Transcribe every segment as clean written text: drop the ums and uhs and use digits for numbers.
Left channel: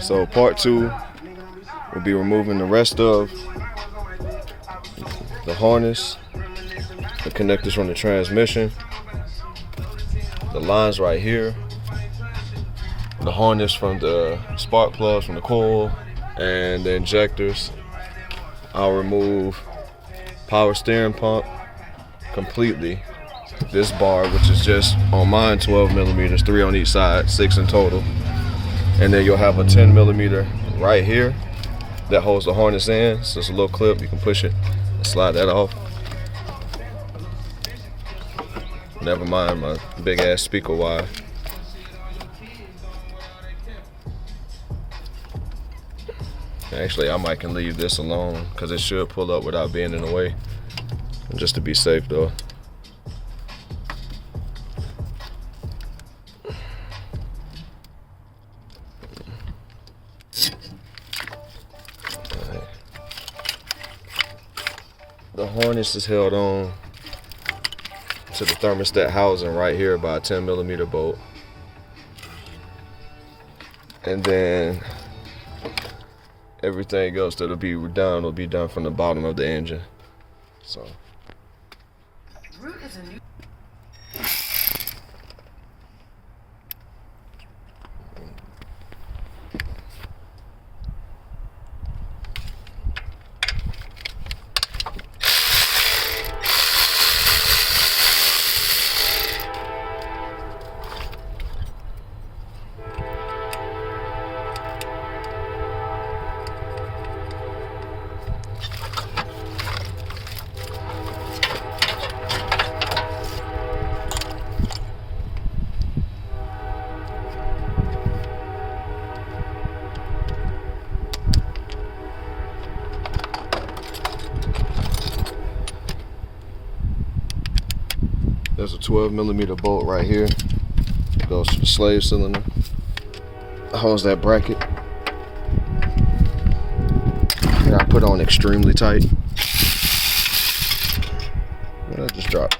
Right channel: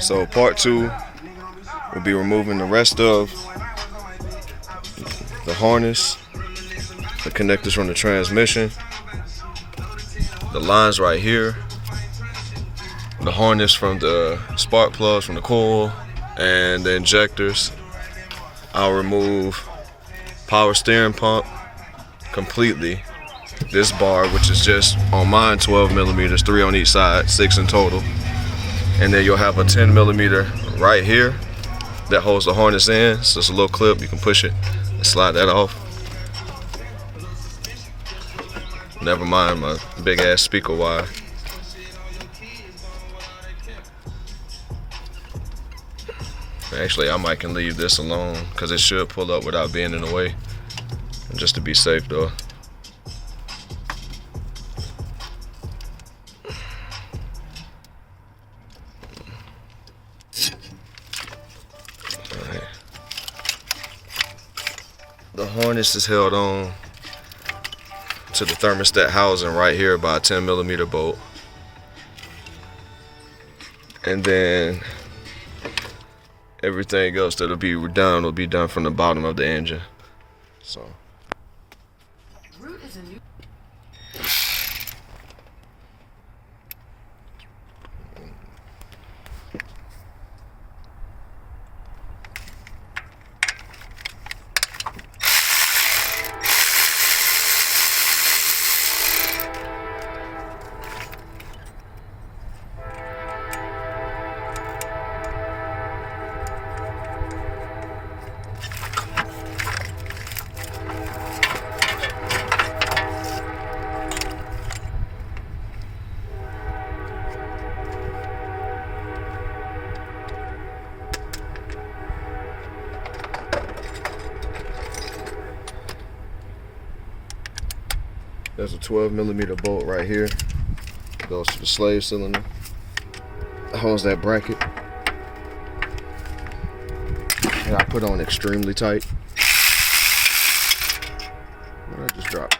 So part 2 will be removing the rest of the harness, the connectors from the transmission, the lines right here, the harness from the spark plugs from the coil, and the injectors. I'll remove power steering pump completely. This bar, which is just on mine 12 millimeters, 3 on each side, 6 in total. And then you'll have a 10 millimeter right here that holds the harness in. So it's a little clip, you can push it and slide that off. Never mind my big ass speaker wire. Actually, I might can leave this alone because it should pull up without being in the way. And just to be safe though. The harness is held on to the thermostat housing right here by a 10 millimeter bolt. And then everything else that'll be done will be done from the bottom of the engine. So. There's a 12 millimeter bolt right here. It goes to the slave cylinder. It holds that bracket. And I put on extremely tight. And it just dropped.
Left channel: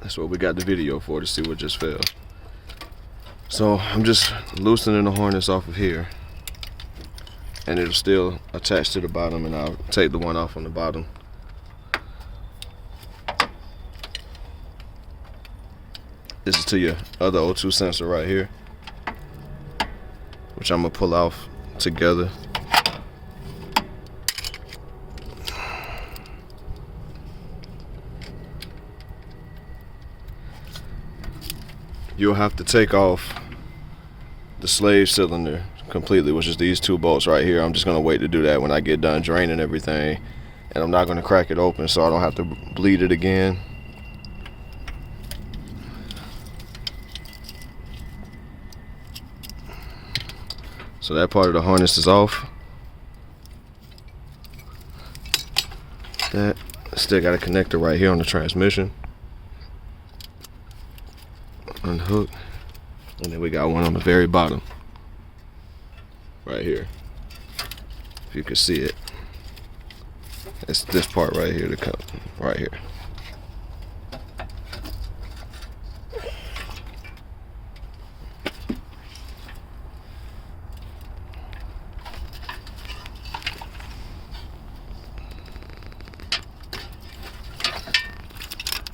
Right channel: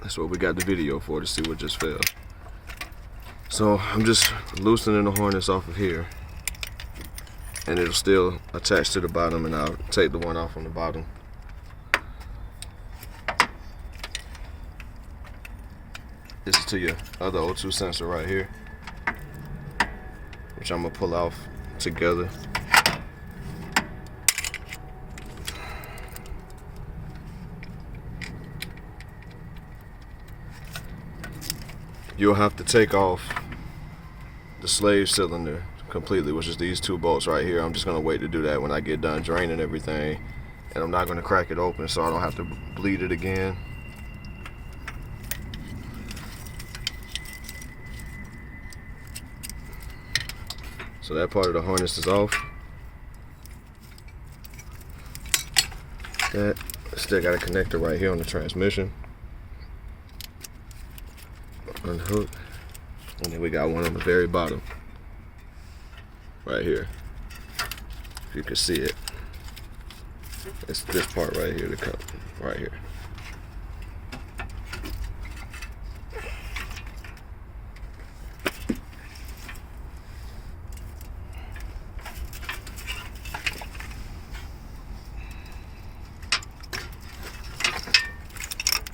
That's what we got the video for, to see what just fell. So I'm just loosening the harness off of here, and it'll still attach to the bottom, and I'll take the one off on the bottom. This is to your other O2 sensor right here, which I'm gonna pull off together. You'll have to take off the slave cylinder completely, which is these 2 bolts right here. I'm just gonna wait to do that when I get done draining everything, and I'm not gonna crack it open so I don't have to bleed it again. So that part of the harness is off. That still got a connector right here on the transmission. Unhook, and then we got one on the very bottom right here, if you can see it. It's this part right here, the cup right here.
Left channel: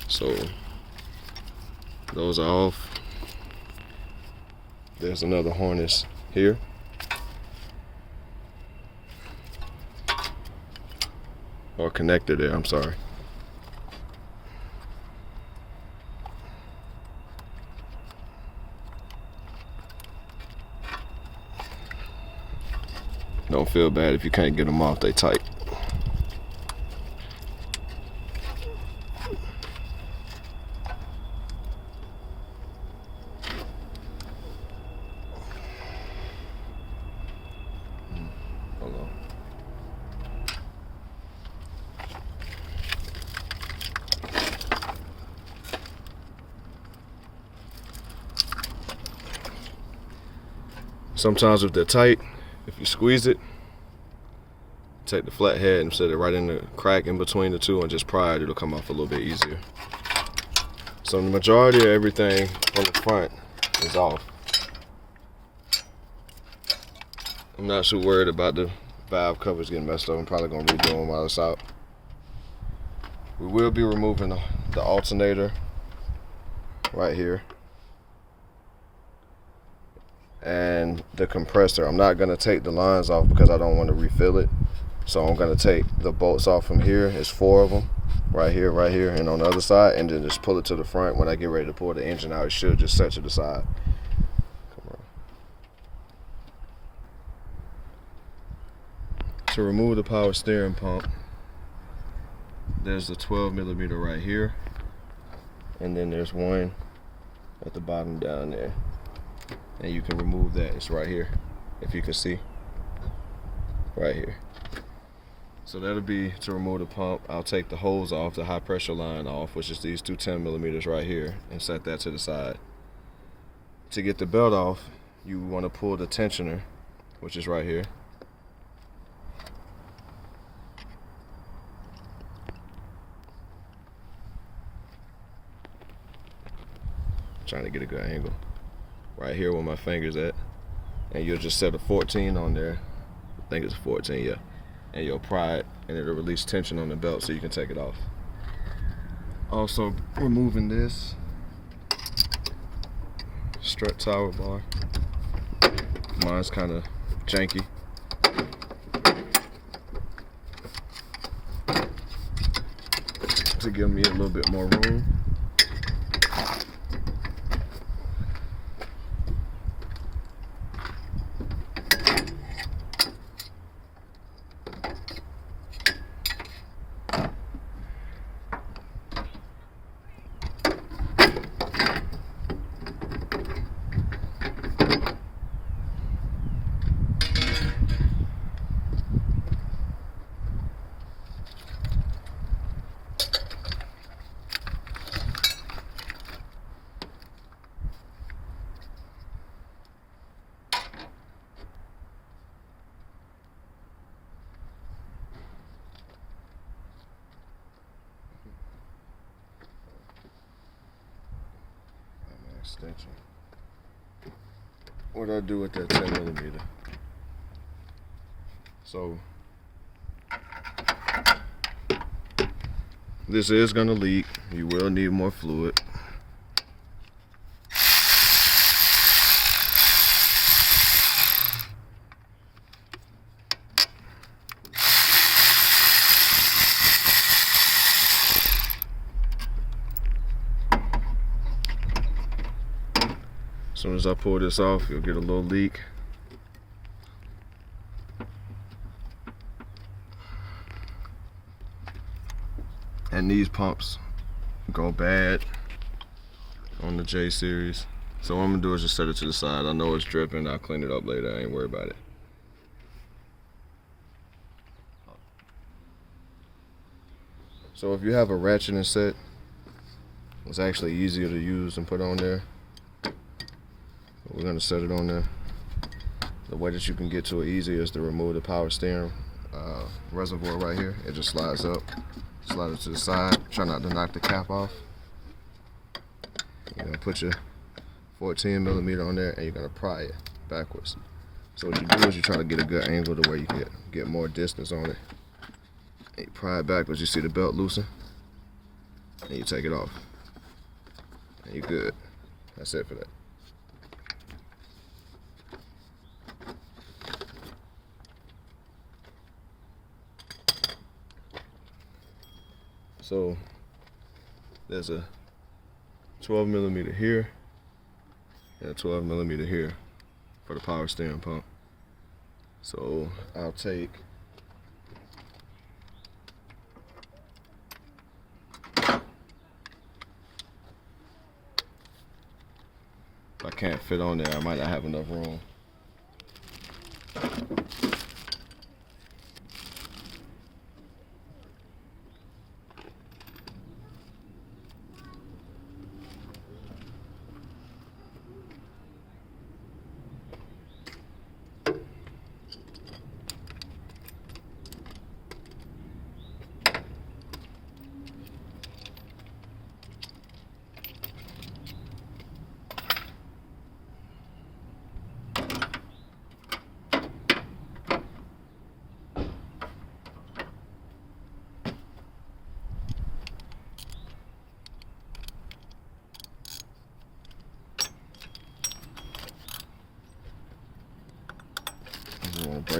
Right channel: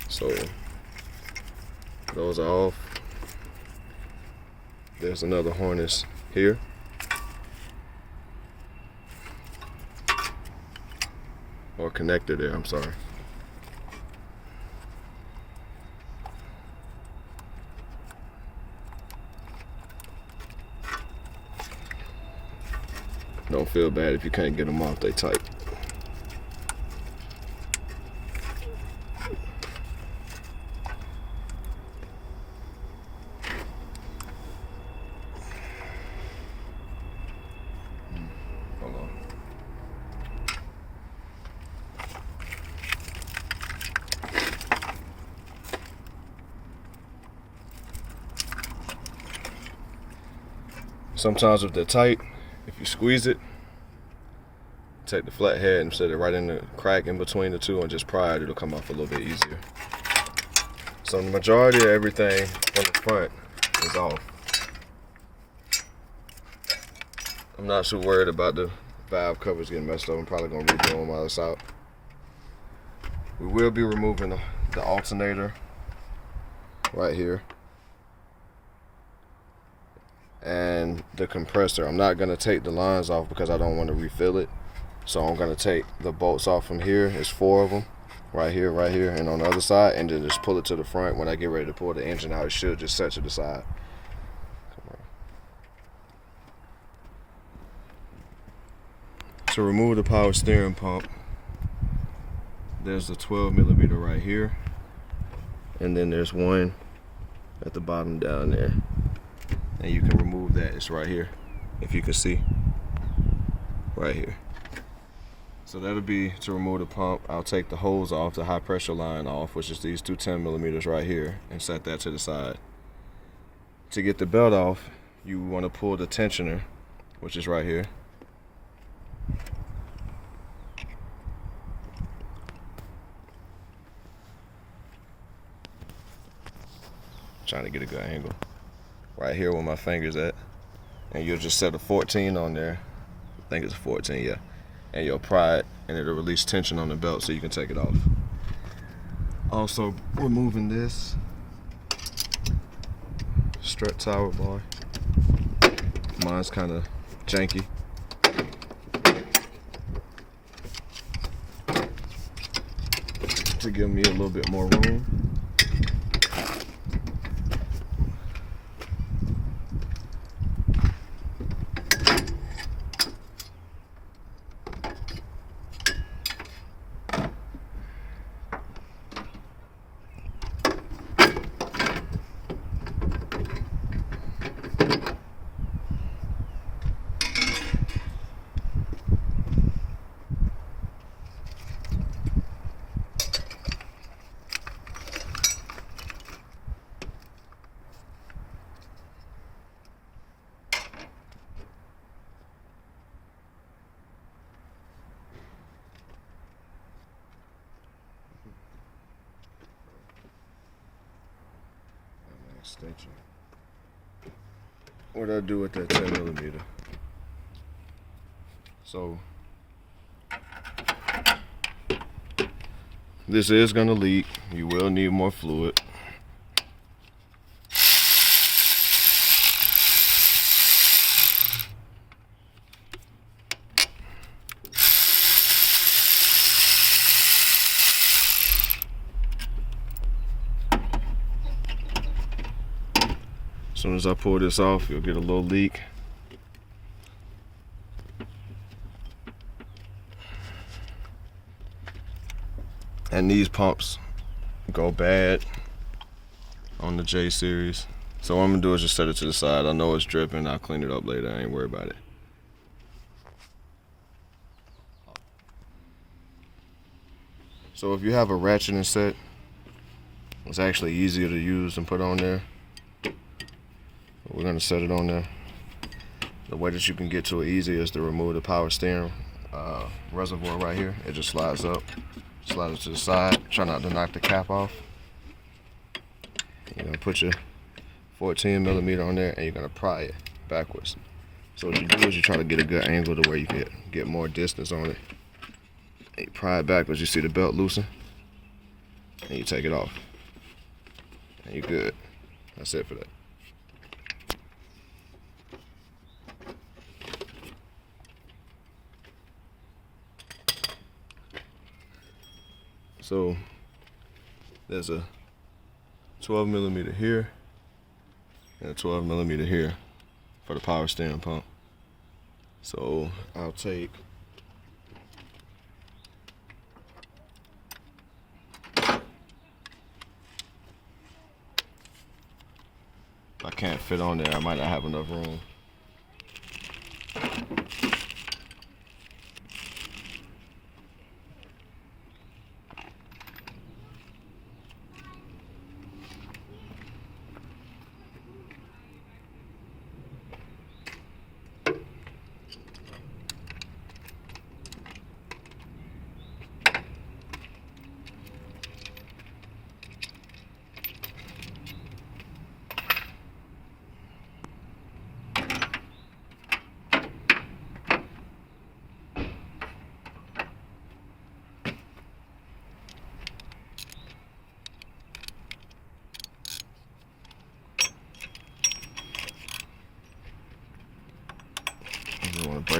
So those are off. There's another harness here. Or connector there, I'm sorry. Don't feel bad if you can't get them off, they tight. Sometimes if they're tight, if you squeeze it take the flathead and set it right in the crack in between the two and just pry it. It'll come off a little bit easier. So the majority of everything from the front is off. I'm not too worried about the valve covers getting messed up. I'm probably gonna redo them while it's out. We will be removing the alternator right here and the compressor. I'm not gonna take the lines off because I don't want to refill it. So I'm gonna take the bolts off from here. It's 4 of them, right here, and on the other side, and then just pull it to the front. When I get ready to pull the engine out, it should just set to the side. Come on. To remove the power steering pump, there's the 12mm right here, and then there's one at the bottom down there. And you can remove that. It's right here, if you can see, right here. So that'll be to remove the pump. I'll take the hose off, the high pressure line off, which is these two 10mm right here, and set that to the side. To get the belt off, you want to pull the tensioner, which is right here. Trying to get a good angle. Right here where my finger's at. And you'll just set a 14 on there. I think it's a 14, yeah. And you'll pry it, and it'll release tension on the belt so you can take it off. Also removing this strut tower bar. Mine's kind of janky. To give me a little bit more room. Extension. What do I do with that 10mm? So this is gonna leak. You will need more fluid. As soon as I pull this off, you'll get a little leak. And these pumps go bad on the J series. So what I'm gonna do is just set it to the side. I know it's dripping, I'll clean it up later, I ain't worried about it. So if you have a ratcheting set, it's actually easier to use and put on there. We're gonna set it on there. The way that you can get to it easy is to remove the power steering reservoir right here. It just slides up, slide it to the side. Try not to knock the cap off. You're gonna put your 14mm on there and you're gonna pry it backwards. So what you do is you try to get a good angle to where you can get more distance on it. And you pry it backwards, you see the belt loosen, and you take it off. And you're good. That's it for that. So there's a 12mm here and a 12mm here for the power steering pump. So I'll take if I can't fit on there, I might not have enough room.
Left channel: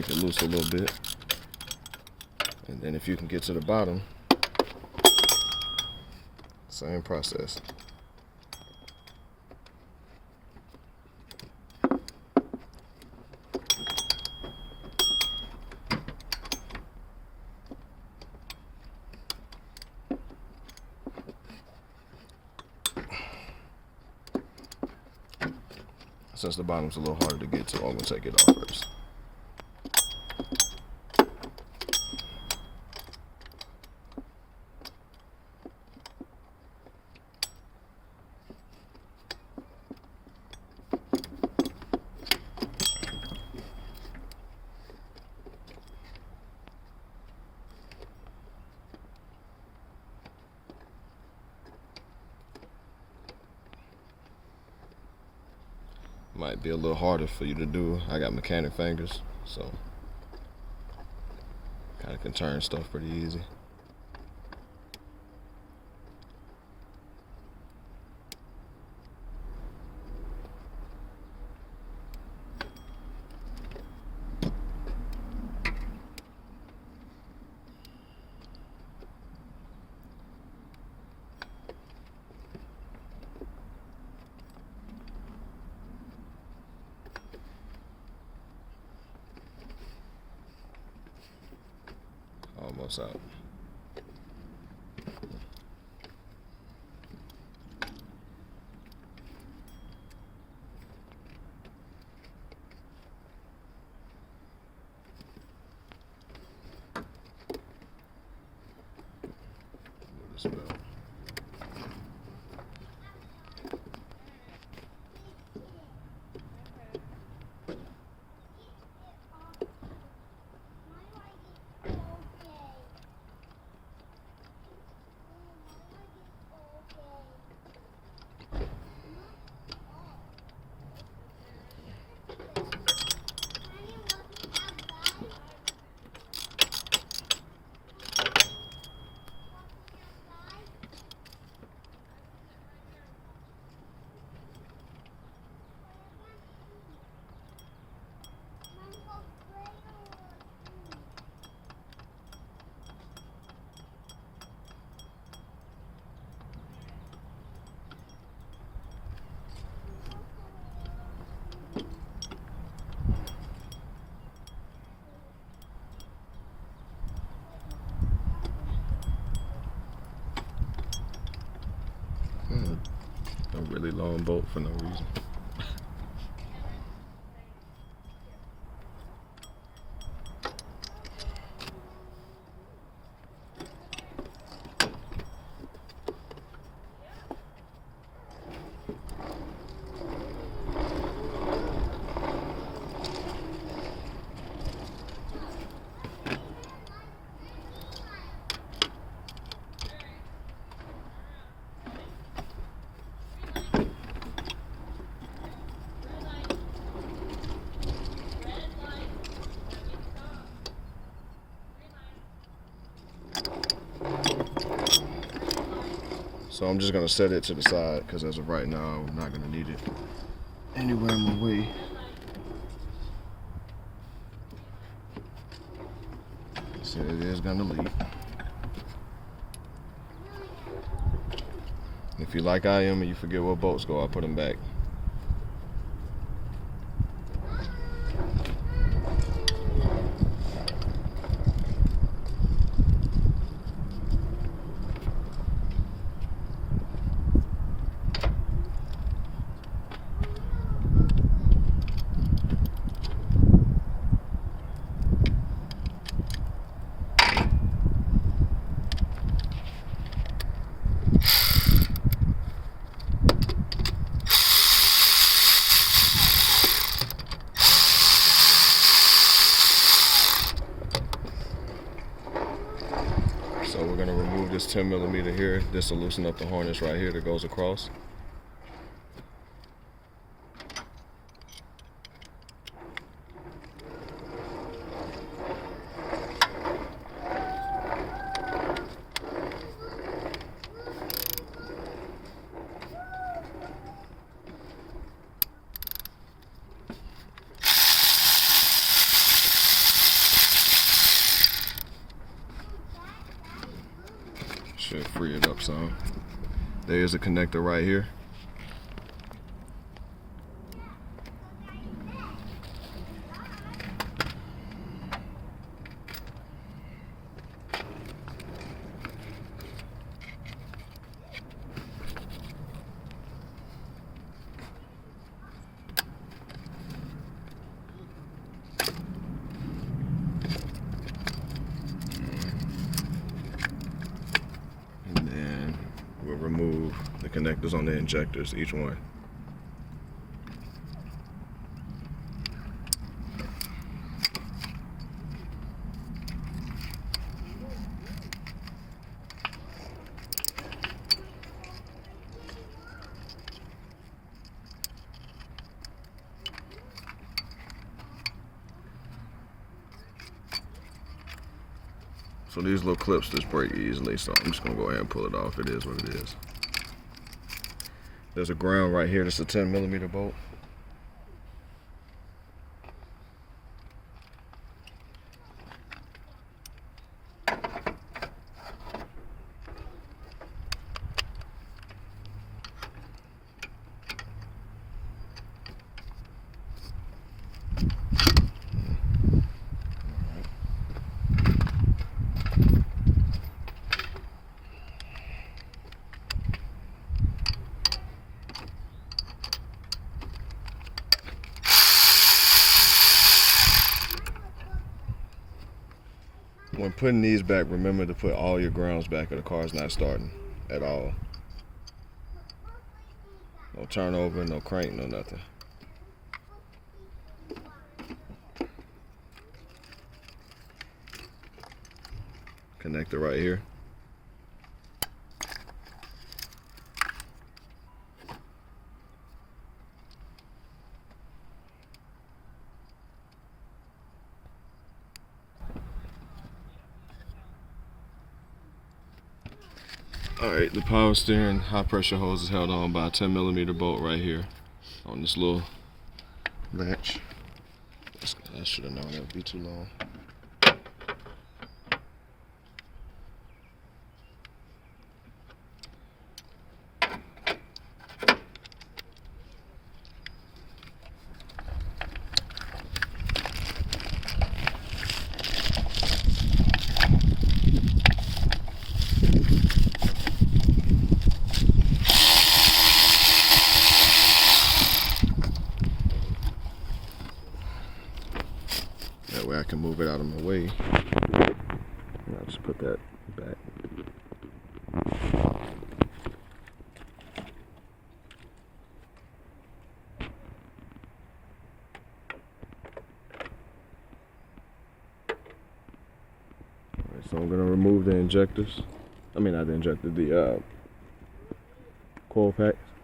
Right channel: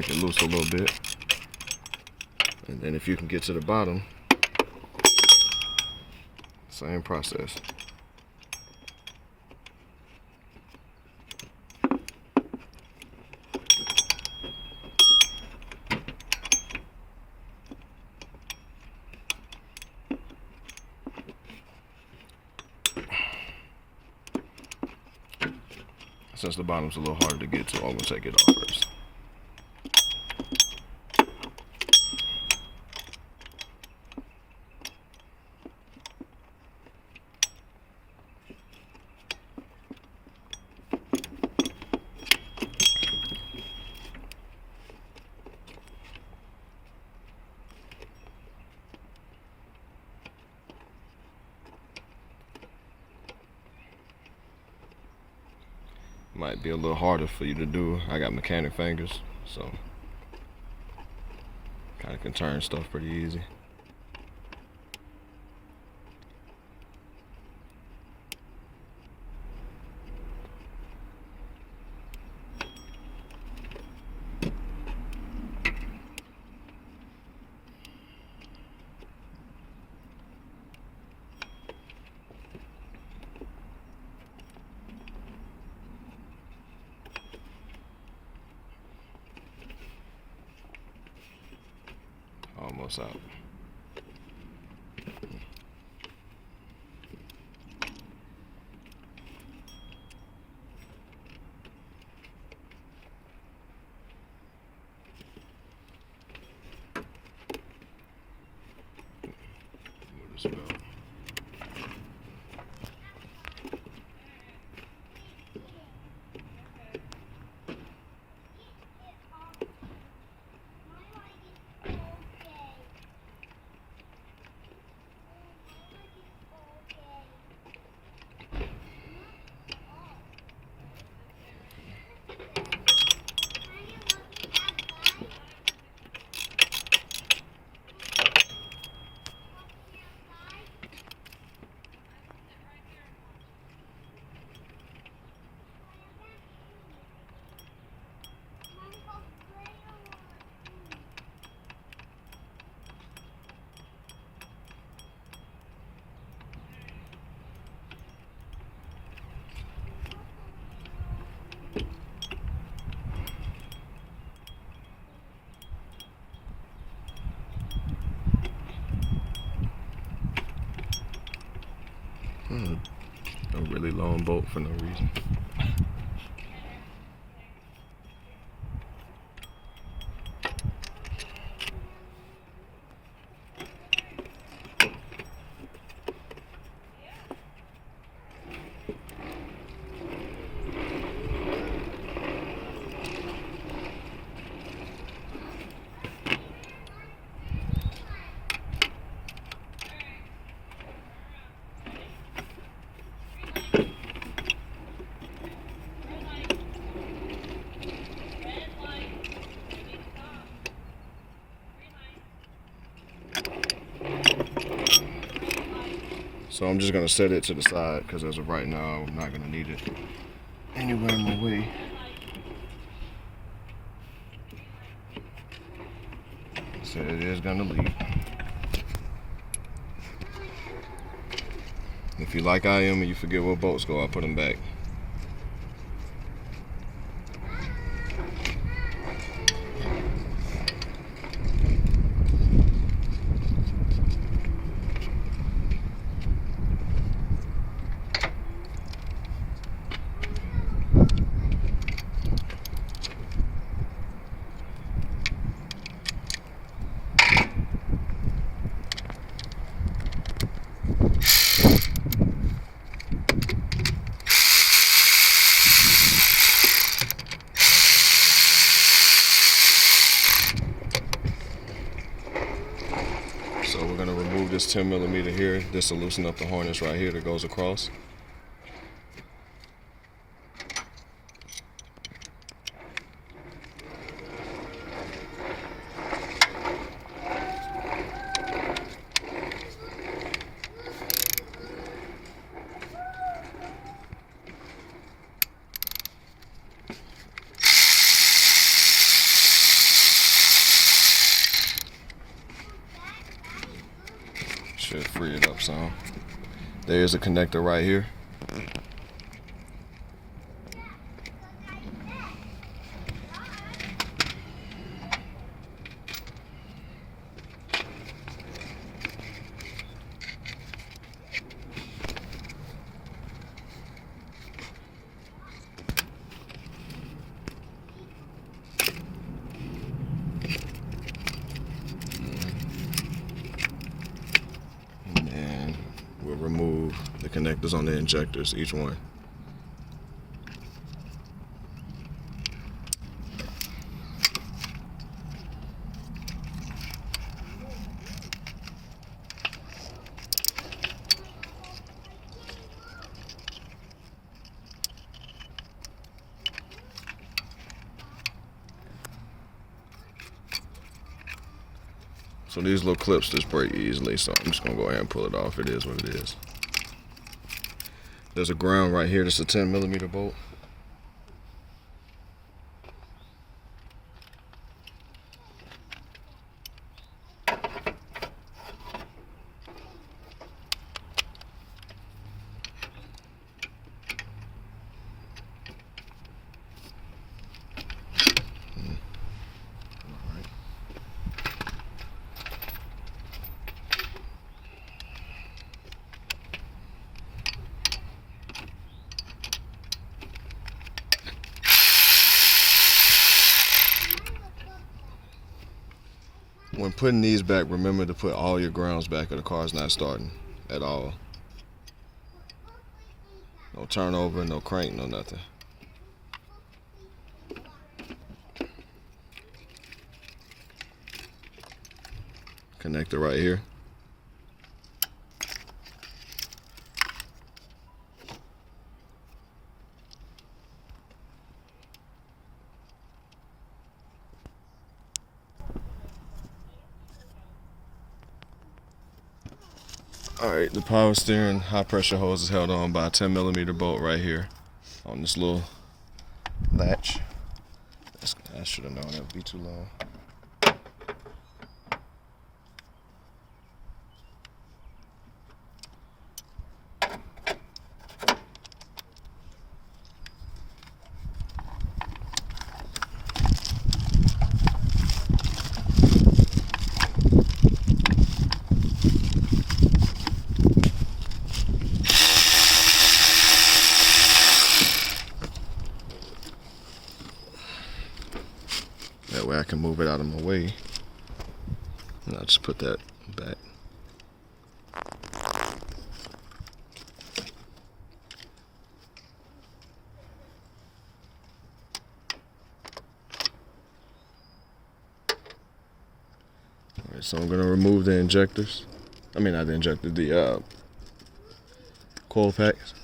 break it loose a little bit. And then if you can get to the bottom, same process. Since the bottom's a little harder to get to, I'm gonna take it off first. Might be a little harder for you to do. I got mechanic fingers, so kind of can turn stuff pretty easy. Almost out. Move this out. A really long bolt for no reason. So I'm just gonna set it to the side because as of right now, I'm not gonna need it anywhere in my way. So it is gonna leak. If you like I am and you forget where bolts go, I'll put them back. So we're gonna remove this 10 millimeter here. This will loosen up the harness right here that goes across. Should free it up some. There is a connector right here. We'll remove the connectors on the injectors, each one. So these little clips just break easily, so I'm just gonna go ahead and pull it off. It is what it is. There's a ground right here. That's a 10mm bolt. When putting these back, remember to put all your grounds back or the car's not starting at all. No turnover, no crank, no nothing. Connector right here. Alright, the power steering high pressure hose is held on by a 10mm bolt right here on this little latch. I should have known it would be too long. That way I can move it out of my way. And I'll just put that back. Alright, so I'm gonna remove the injectors. I mean not the injector, the coil packs.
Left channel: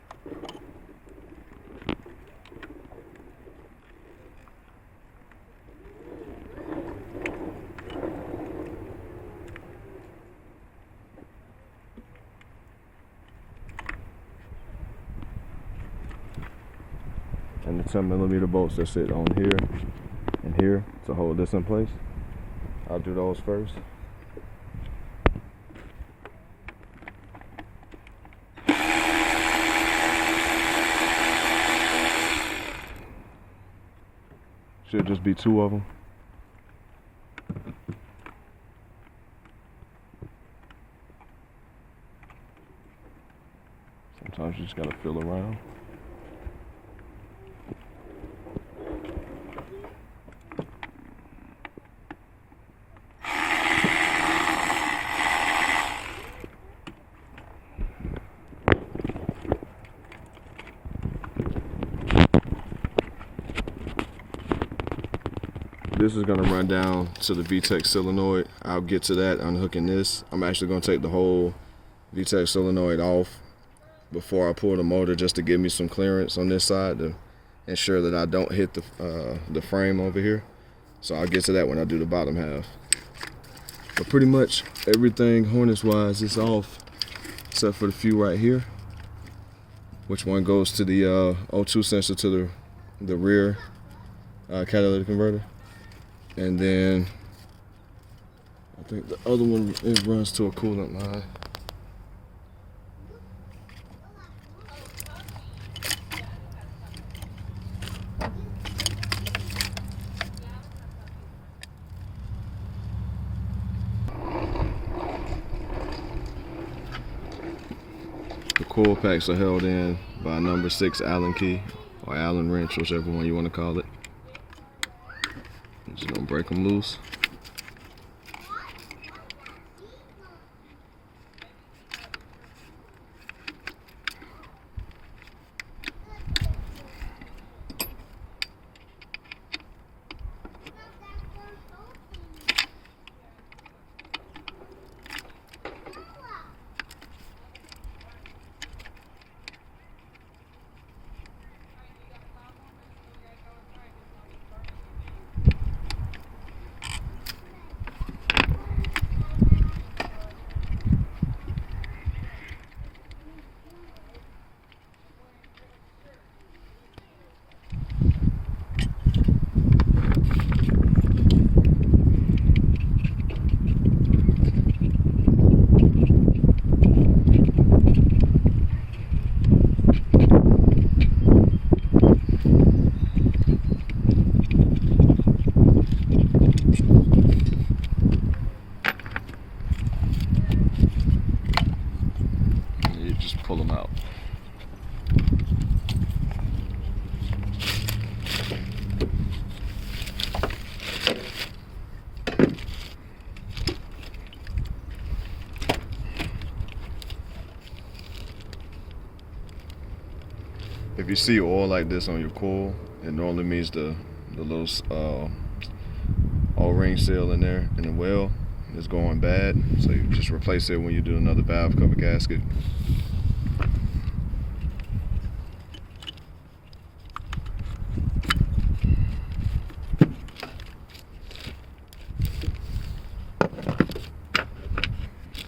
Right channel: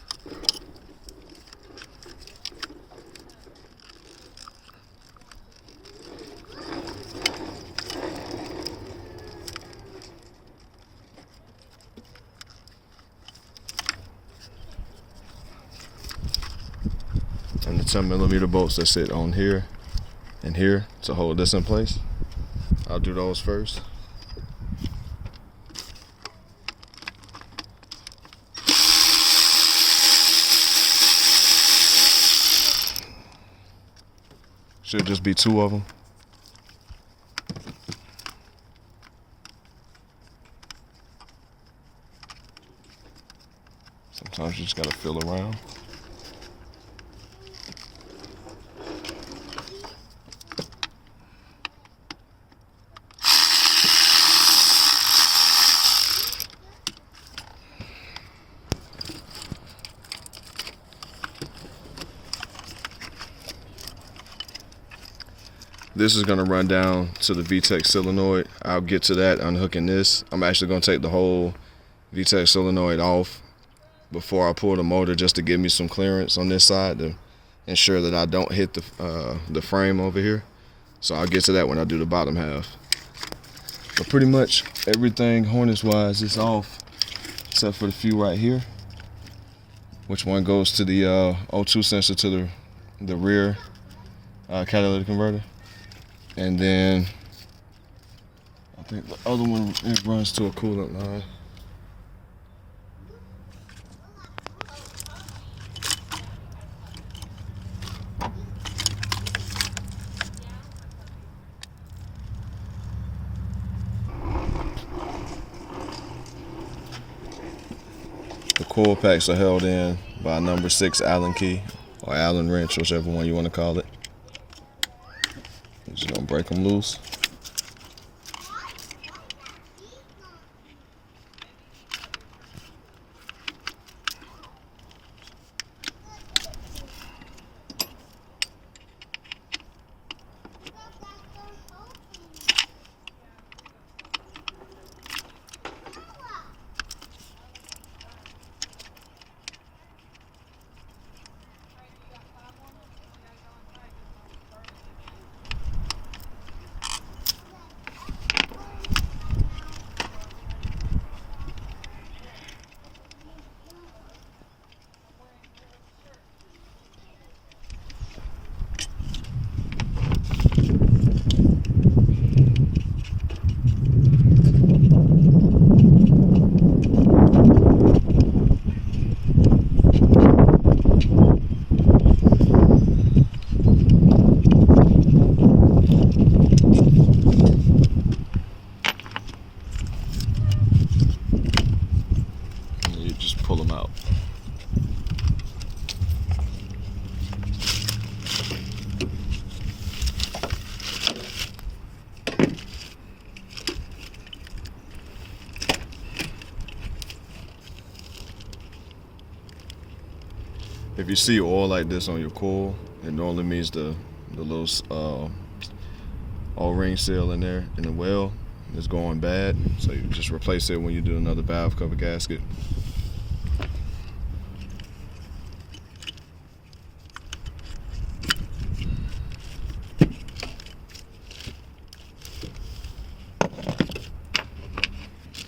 And the 10mm bolts that sit on here and here to hold this in place. I'll do those first. Should just be two of them. Sometimes you just gotta feel around. This is gonna run down to the VTEC solenoid. I'll get to that unhooking this. I'm actually gonna take the whole VTEC solenoid off before I pull the motor just to give me some clearance on this side to ensure that I don't hit the frame over here. So I'll get to that when I do the bottom half. But pretty much everything harness wise is off except for the few right here, which one goes to the O2 sensor to the rear catalytic converter. And then I think the other one, it runs to a coolant line. coil packs are held in by a number 6 Allen key or Allen wrench, whichever one you want to call it. I'm just gonna break them loose. Just pull them out. If you see oil like this on your coil, it normally means the little O-ring seal in there in the well is going bad. So you just replace it when you do another valve cover gasket.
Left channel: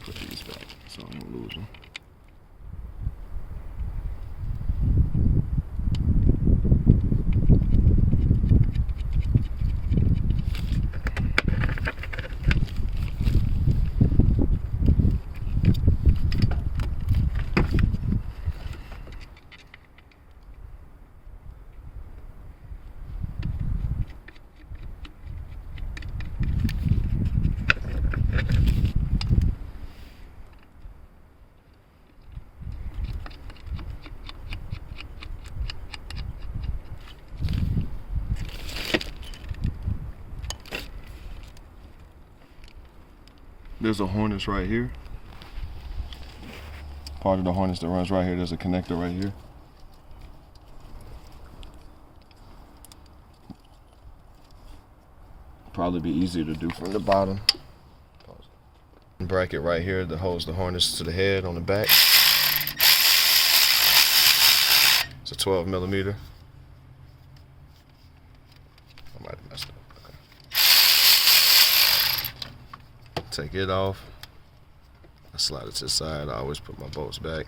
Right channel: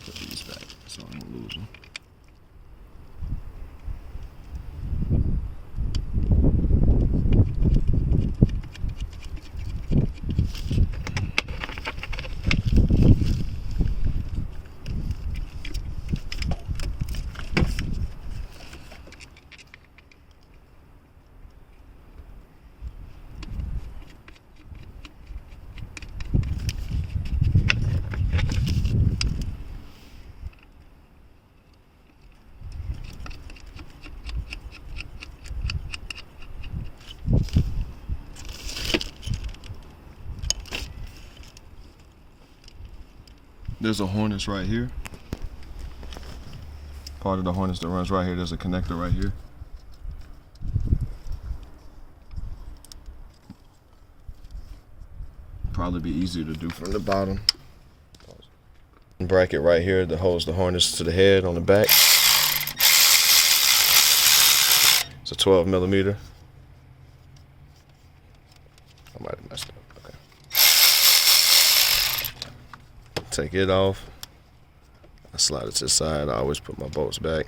Put these back so I don't lose them. There's a harness right here. Part of the harness that runs right here, there's a connector right here. Probably be easier to do from the bottom. Bracket right here that holds the harness to the head on the back. It's a 12mm. I might have messed up. Take it off. I slide it to the side. I always put my bolts back.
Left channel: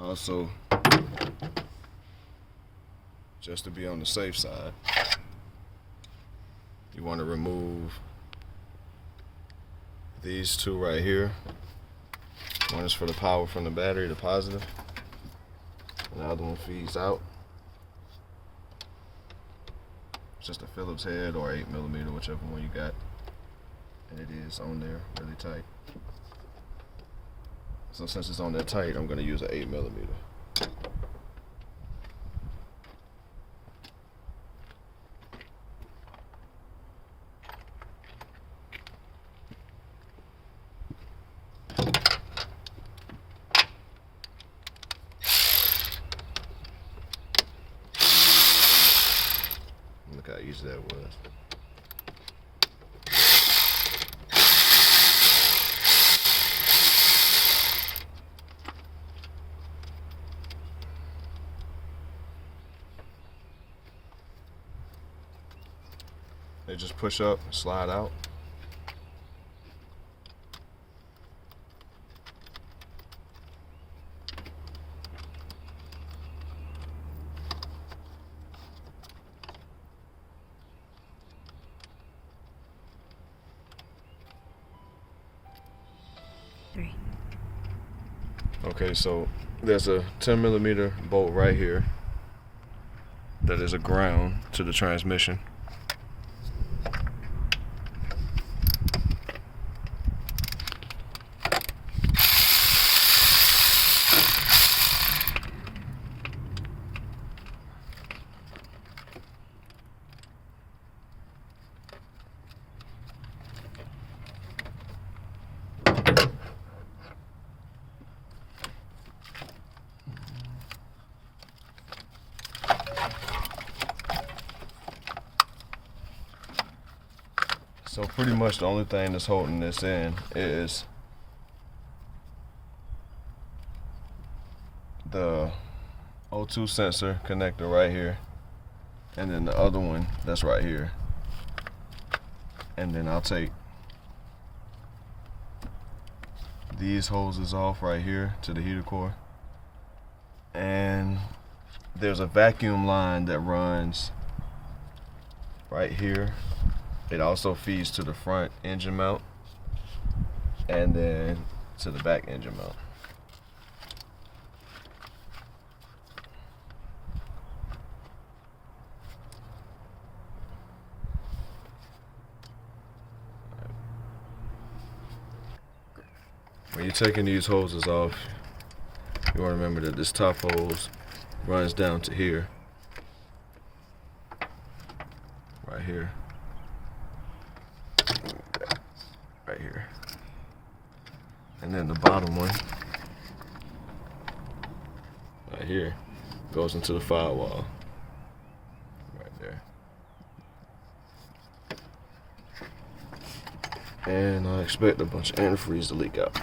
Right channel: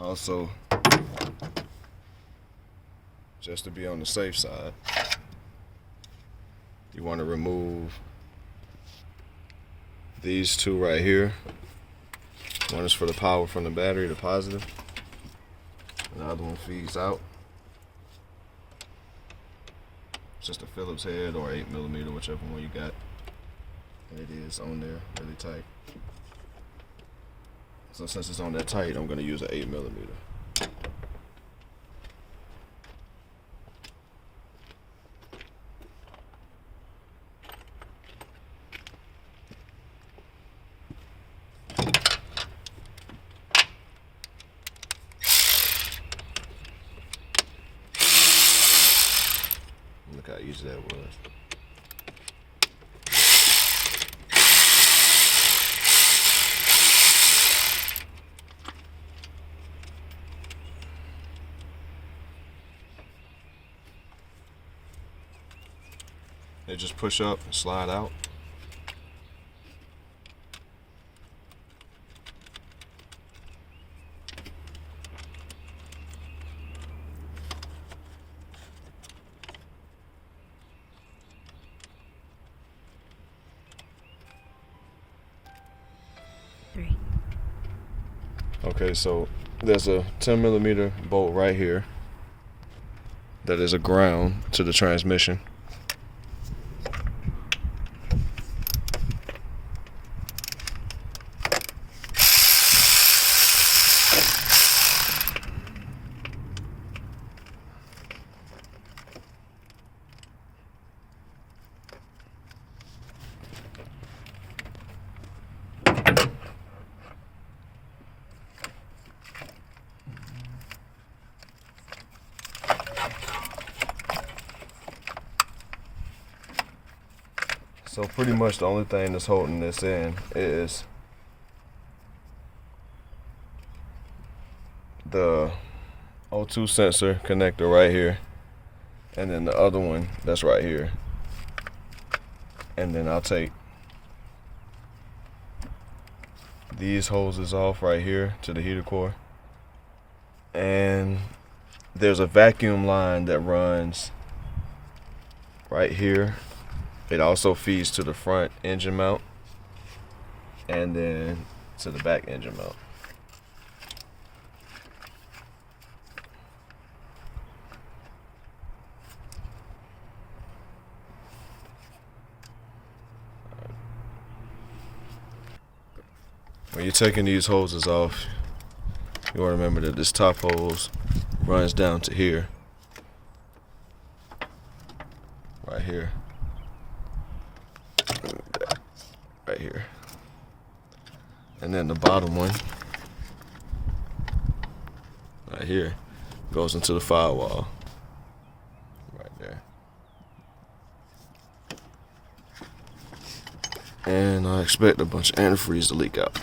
Also, just to be on the safe side, you want to remove these two right here. One is for the power from the battery, the positive, and the other one feeds out. It's just a Phillips head or 8mm, whichever one you got, and it is on there really tight. So since it's on there tight, I'm going to use an 8mm. Look how easy that was. They just push up and slide out. Okay, so there's a 10mm bolt right here that is a ground to the transmission. So pretty much the only thing that's holding this in is the O2 sensor connector right here, and then the other one that's right here. And then I'll take these hoses off right here to the heater core. And there's a vacuum line that runs right here. It also feeds to the front engine mount and then to the back engine mount. When you're taking these hoses off, you want to remember that this top hose runs down to here, right here, right here, and then the bottom one right here goes into the firewall right there. And I expect a bunch of antifreeze to leak out.